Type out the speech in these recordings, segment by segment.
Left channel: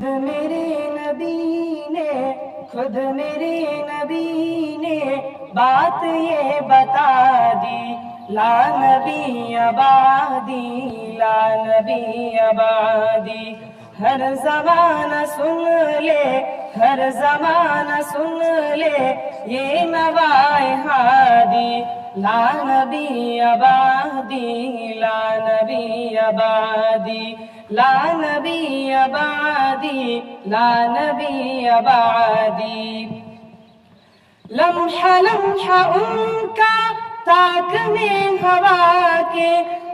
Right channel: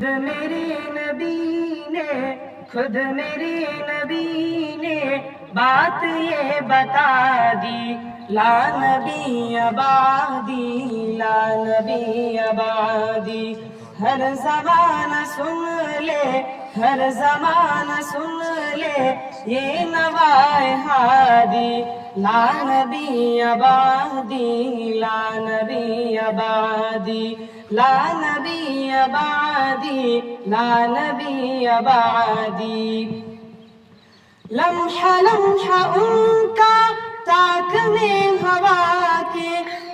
خود میرے نبی نے بات یہ بتا دی، لا نبی آبادی، لا نبی آبادی۔ ہر زمانہ سن لے، ہر زمانہ سن لے یہ نوائے ہادی، لا نبی آبادی، لا نبی آبادی، لا نبی آبادی، لا نبی آبادی۔ لمحہ لمحہ ان کا تاک میں ہوا کے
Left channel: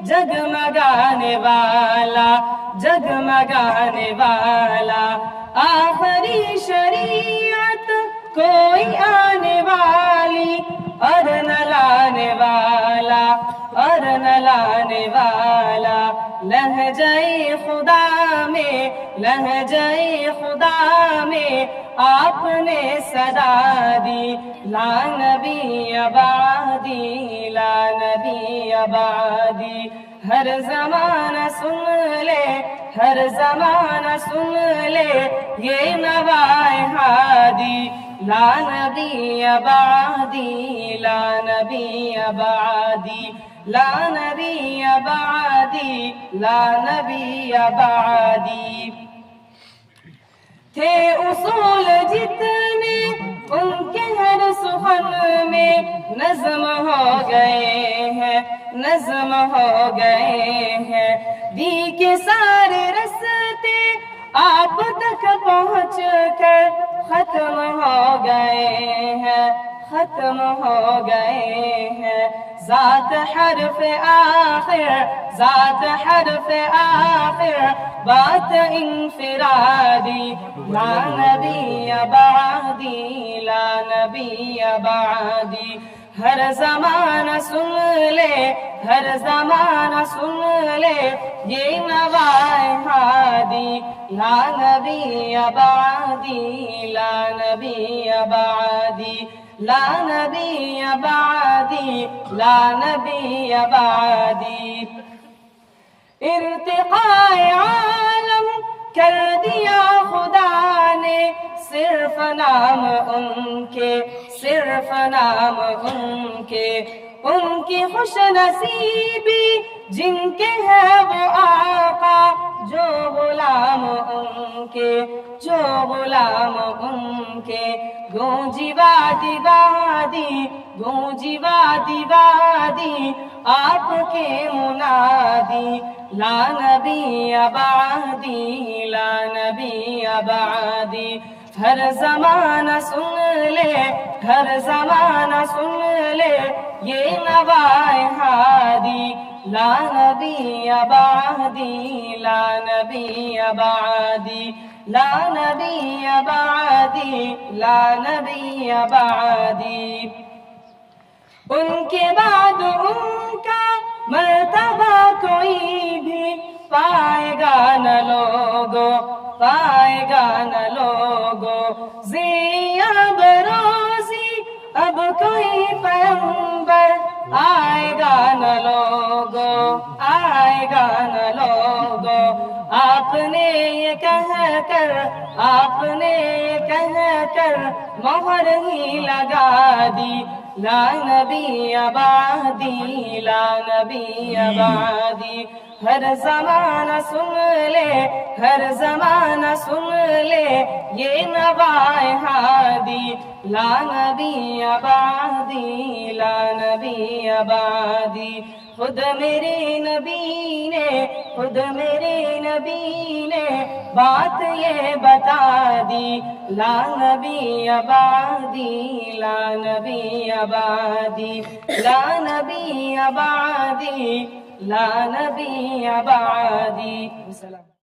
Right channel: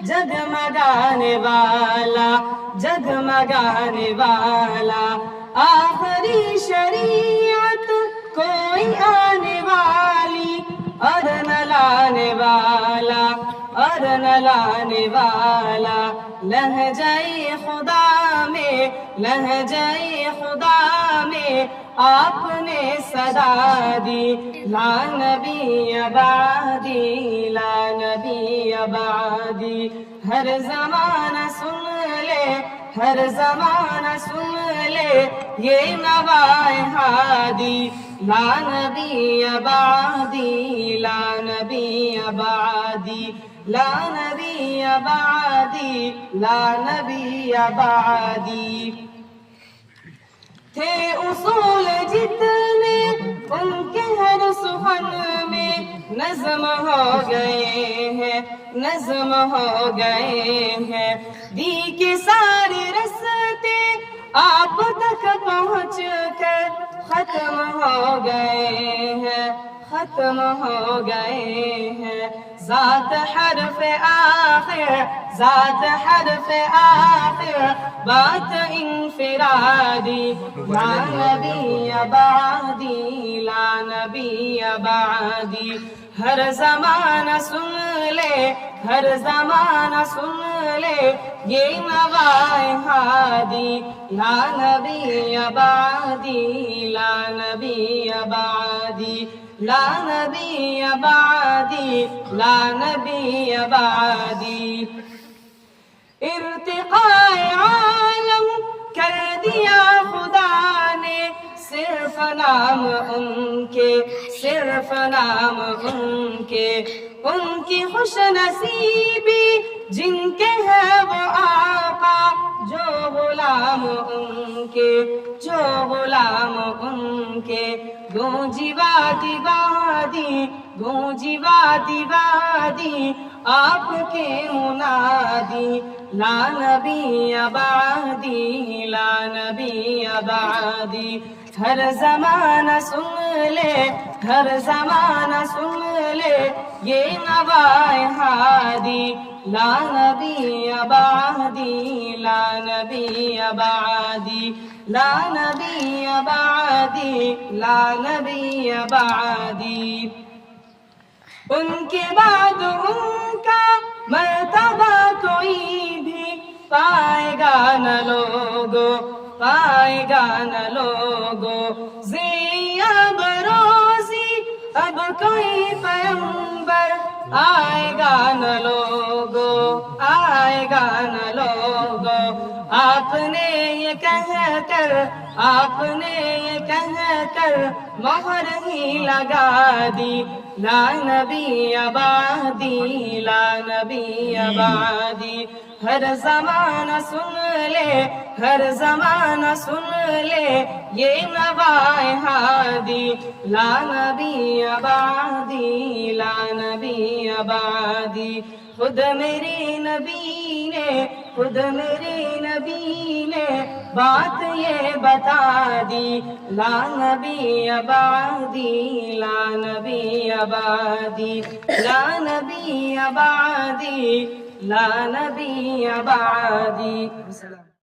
جگمگانے والا، جگمگانے والا، آخری شریعت کوئی آنے والی اور نہ لانے والا، اور نہ لانے والا۔ لہجہ خدا میں، لہجہ خدا میں آپ نے صدا دی، لا نبی آبادی، لا نبی آبادی۔ ہر زمانہ سن لے، ہر زمانہ سن لے یہ نوائے ہادی، لا نبی آبادی، لا نبی آبادی، لا نبی آبادی، لا نبی آبادی۔ تھے اصول جتنے ان کے ہر سخن میں نظم ہو گئے ہیں، نظم ہو گئے ہیں۔ دی کے سارے رستے آپ تک پہنچ کر ختم ہو گئے ہیں، ختم ہو گئے ہیں۔ ذات حرف آخر، ذات حرف آخر، بات انفرادی، لا نبی آبادی، لا نبی آبادی۔ ہر زمانہ سن لے، ہر زمانہ سن لے یہ نوائے ہادی، لا نبی آبادی، لا نبی آبادی، لا نبی آبادی، لا نبی آبادی۔ ارتقاء عالم کر دیا خدا نے، صرف نام ان کے، صرف نام ان کے۔ ان کی خوش نصیبی جن کے ہے وہ آقا، جو غلام ان کے، جو غلام ان کے۔ گونجی وادی وادی، گونجی وادی وادی آپ کے منادی، لا نبی آبادی، لا نبی آبادی۔ ہر زمانہ سن لے، ہر زمانہ سن لے یہ نوائے ہادی، لا نبی آبادی، لا نبی آبادی، لا نبی آبادی، لا نبی آبادی۔ ان کے بعد ان کا مرتبہ کوئی بھی پائے گا نہ لوگو، پائے گا نہ لوگو۔ زیاب روزی اب کوئی پیغمبر آئے گا نہ لوگو، آئے گا نہ لوگو۔ آپ نے یہ کہہ کر، آپ نے یہ کہہ کر مہر ہی لگا دی، لا نبی آبادی، لا نبی آبادی۔ ہر زمانہ سن لے، ہر زمانہ سن لے یہ نوائے ہادی، لا نبی آبادی، لا نبی آبادی۔ خود میرے نبی نے، خود میرے نبی نے بات یہ بتا دی، لا نبی آبادی، لا نبی آبادی، لا نبی آبادی، لا نبی آبادی۔